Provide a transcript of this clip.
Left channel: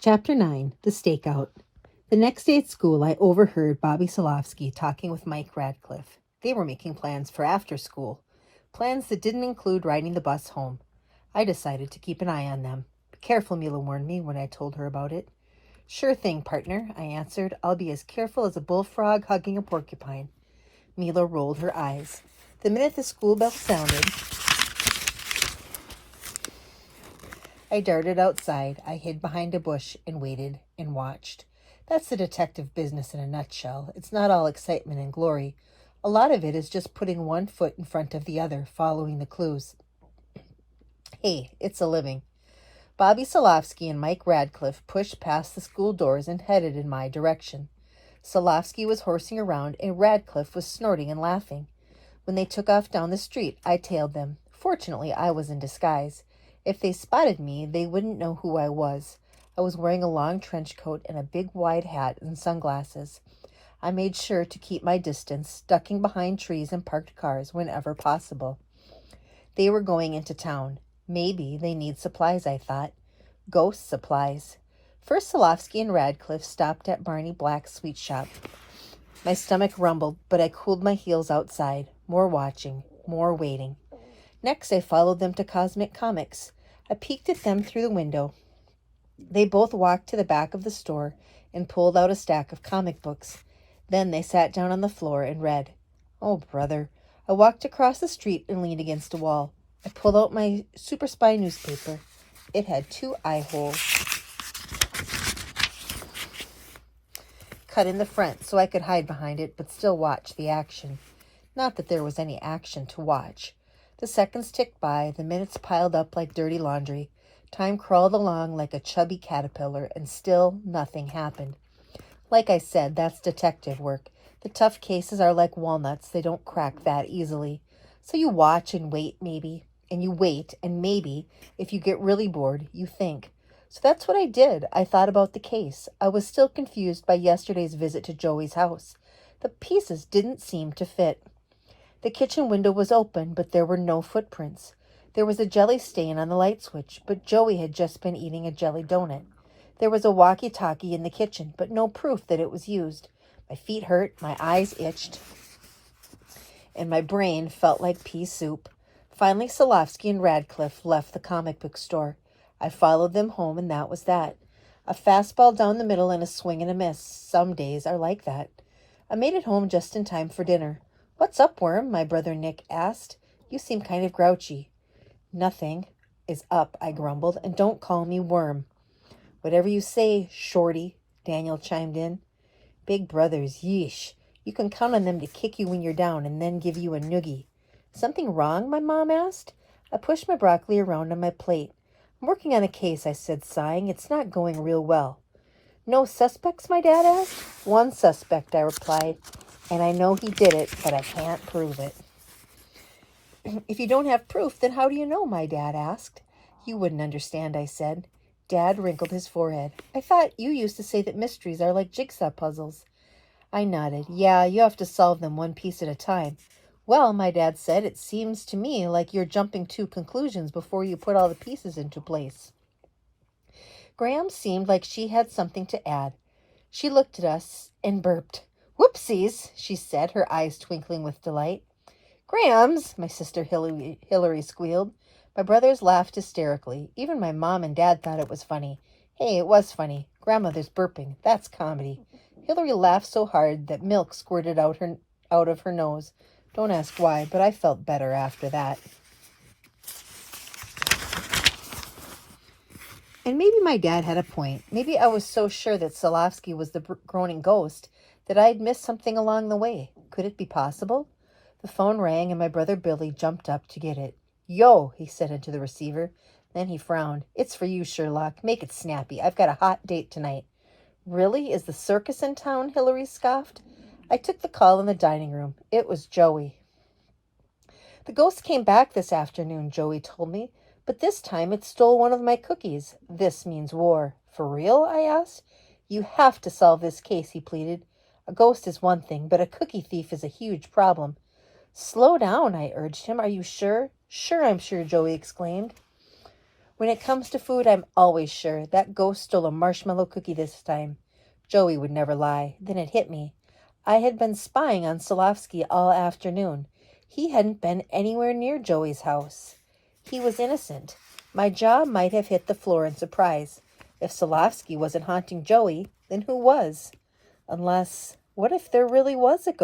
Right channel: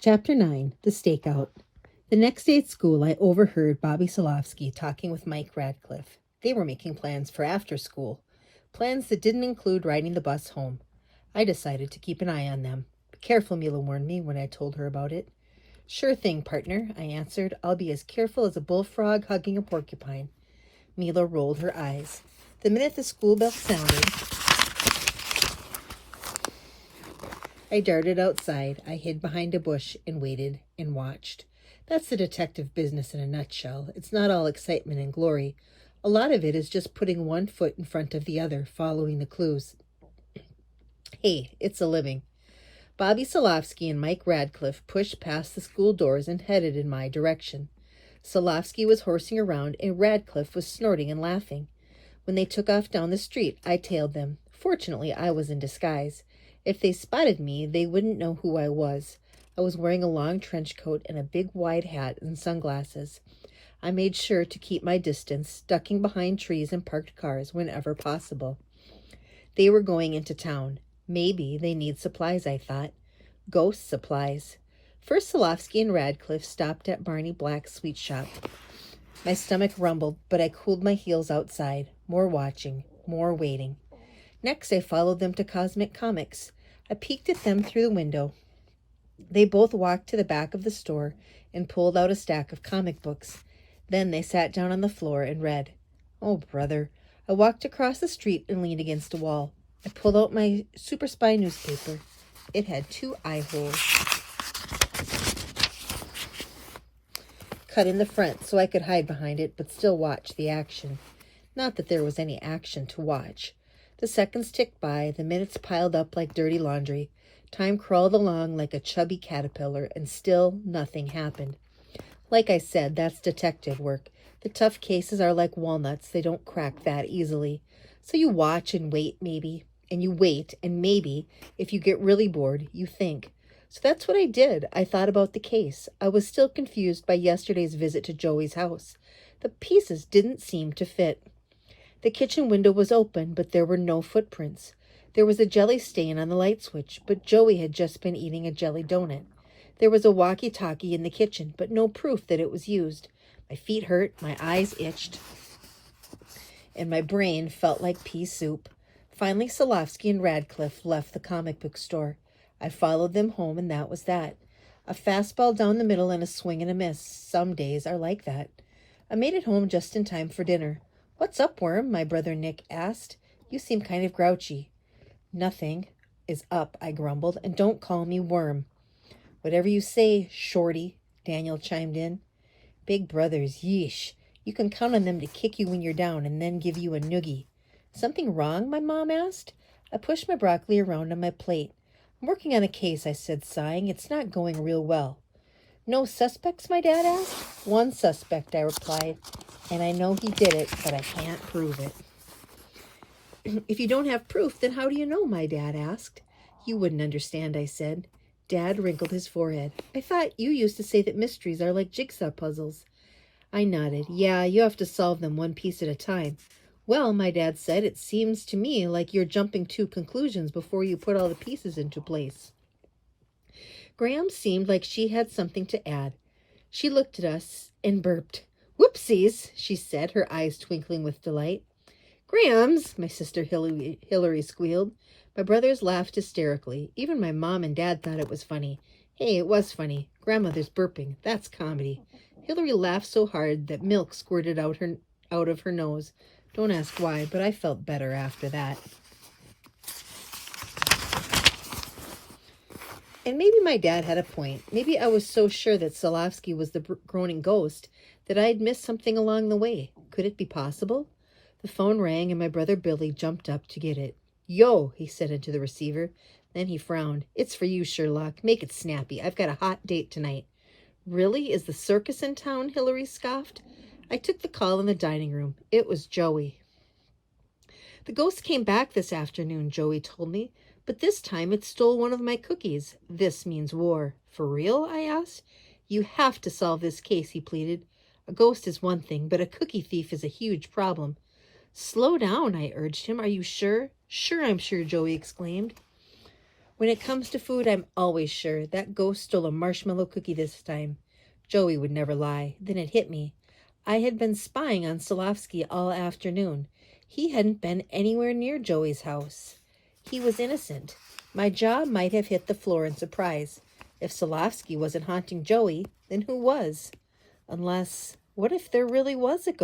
Chapter 9, The Stakeout. The next day at school, I overheard Bobby Solofsky talking with Mike Radcliffe. They were making plans for after school, plans that didn't include riding the bus home. I decided to keep an eye on them. Be careful, Mila warned me when I told her about it. Sure thing, partner, I answered. I'll be as careful as a bullfrog hugging a porcupine. Mila rolled her eyes. The minute the school bell sounded, I darted outside. I hid behind a bush and waited and watched. That's the detective business in a nutshell. It's not all excitement and glory. A lot of it is just putting one foot in front of the other, following the clues. Hey, it's a living. Bobby Solofsky and Mike Radcliffe pushed past the school doors and headed in my direction. Solofsky was horsing around and Radcliffe was snorting and laughing. When they took off down the street, I tailed them. Fortunately, I was in disguise. If they spotted me, they wouldn't know who I was. I was wearing a long trench coat and a big wide hat and sunglasses. I made sure to keep my distance, ducking behind trees and parked cars whenever possible. They were going into town. Maybe they need supplies, I thought. Ghost supplies. First, Solofsky and Radcliffe stopped at Barney Black's sweet shop. My stomach rumbled, but I cooled my heels outside. More watching, more waiting. Next, I followed them to Cosmic Comics. I peeked at them through the window. They both walked to the back of the store and pulled out a stack of comic books. Then they sat down on the floor and read. Oh, brother. I walked across the street and leaned against a wall. I pulled out my Super Spy newspaper. It had 2 eye holes cut in the front so I could hide behind it but still watch the action. Not that there was any action to watch. The seconds ticked by, the minutes piled up like dirty laundry. Time crawled along like a chubby caterpillar, and still nothing happened. Like I said, that's detective work. The tough cases are like walnuts. They don't crack that easily. So you watch and wait, maybe. And you wait, and maybe, if you get really bored, you think. So that's what I did. I thought about the case. I was still confused by yesterday's visit to Joey's house. The pieces didn't seem to fit. The kitchen window was open, but there were no footprints. There was a jelly stain on the light switch, but Joey had just been eating a jelly donut. There was a walkie-talkie in the kitchen, but no proof that it was used. My feet hurt, my eyes itched, and my brain felt like pea soup. Finally, Solofsky and Radcliffe left the comic book store. I followed them home, and that was that. A fastball down the middle and a swing and a miss. Some days are like that. I made it home just in time for dinner. What's up, Worm? My brother Nick asked. You seem kind of grouchy. Nothing is up, I grumbled, and don't call me Worm. Whatever you say, Shorty, Daniel chimed in. Big brothers, yeesh. You can count on them to kick you when you're down and then give you a noogie. Something wrong? My mom asked. I pushed my broccoli around on my plate. I'm working on a case, I said, sighing. It's not going real well. No suspects, my dad asked. One suspect, I replied. And I know he did it, but I can't prove it. If you don't have proof, then how do you know, my dad asked. You wouldn't understand, I said. Dad wrinkled his forehead. I thought you used to say that mysteries are like jigsaw puzzles. I nodded. Yeah, you have to solve them one piece at a time. Well, my dad said, it seems to me like you're jumping to conclusions before you put all the pieces into place. Graham seemed like she had something to add. She looked at us and burped. Whoopsies, she said, her eyes twinkling with delight. Grams, my sister Hillary squealed. My brothers laughed hysterically. Even my mom and dad thought it was funny. Hey, it was funny. Grandmother's burping. That's comedy. Hillary laughed so hard that milk squirted out of her nose. Don't ask why, but I felt better after that. And maybe my dad had a point. Maybe I was so sure that Solofsky was the groaning ghost that I'd missed something along the way. Could it be possible? The phone rang and my brother Billy jumped up to get it. Yo, he said into the receiver. Then he frowned. It's for you, Sherlock. Make it snappy. I've got a hot date tonight. Really? Is the circus in town? Hillary scoffed. I took the call in the dining room. It was Joey. The ghost came back this afternoon, Joey told me, but this time it stole one of my cookies. This means war. For real? I asked. You have to solve this case, he pleaded. A ghost is one thing, but a cookie thief is a huge problem. Slow down, I urged him. Are you sure? Sure, I'm sure, Joey exclaimed. When it comes to food, I'm always sure that ghost stole a marshmallow cookie this time. Joey would never lie. Then it hit me. I had been spying on Solovsky all afternoon. He hadn't been anywhere near Joey's house. He was innocent. My jaw might have hit the floor in surprise. If Solovsky wasn't haunting Joey, then who was? Unless, what if there really was a ghost?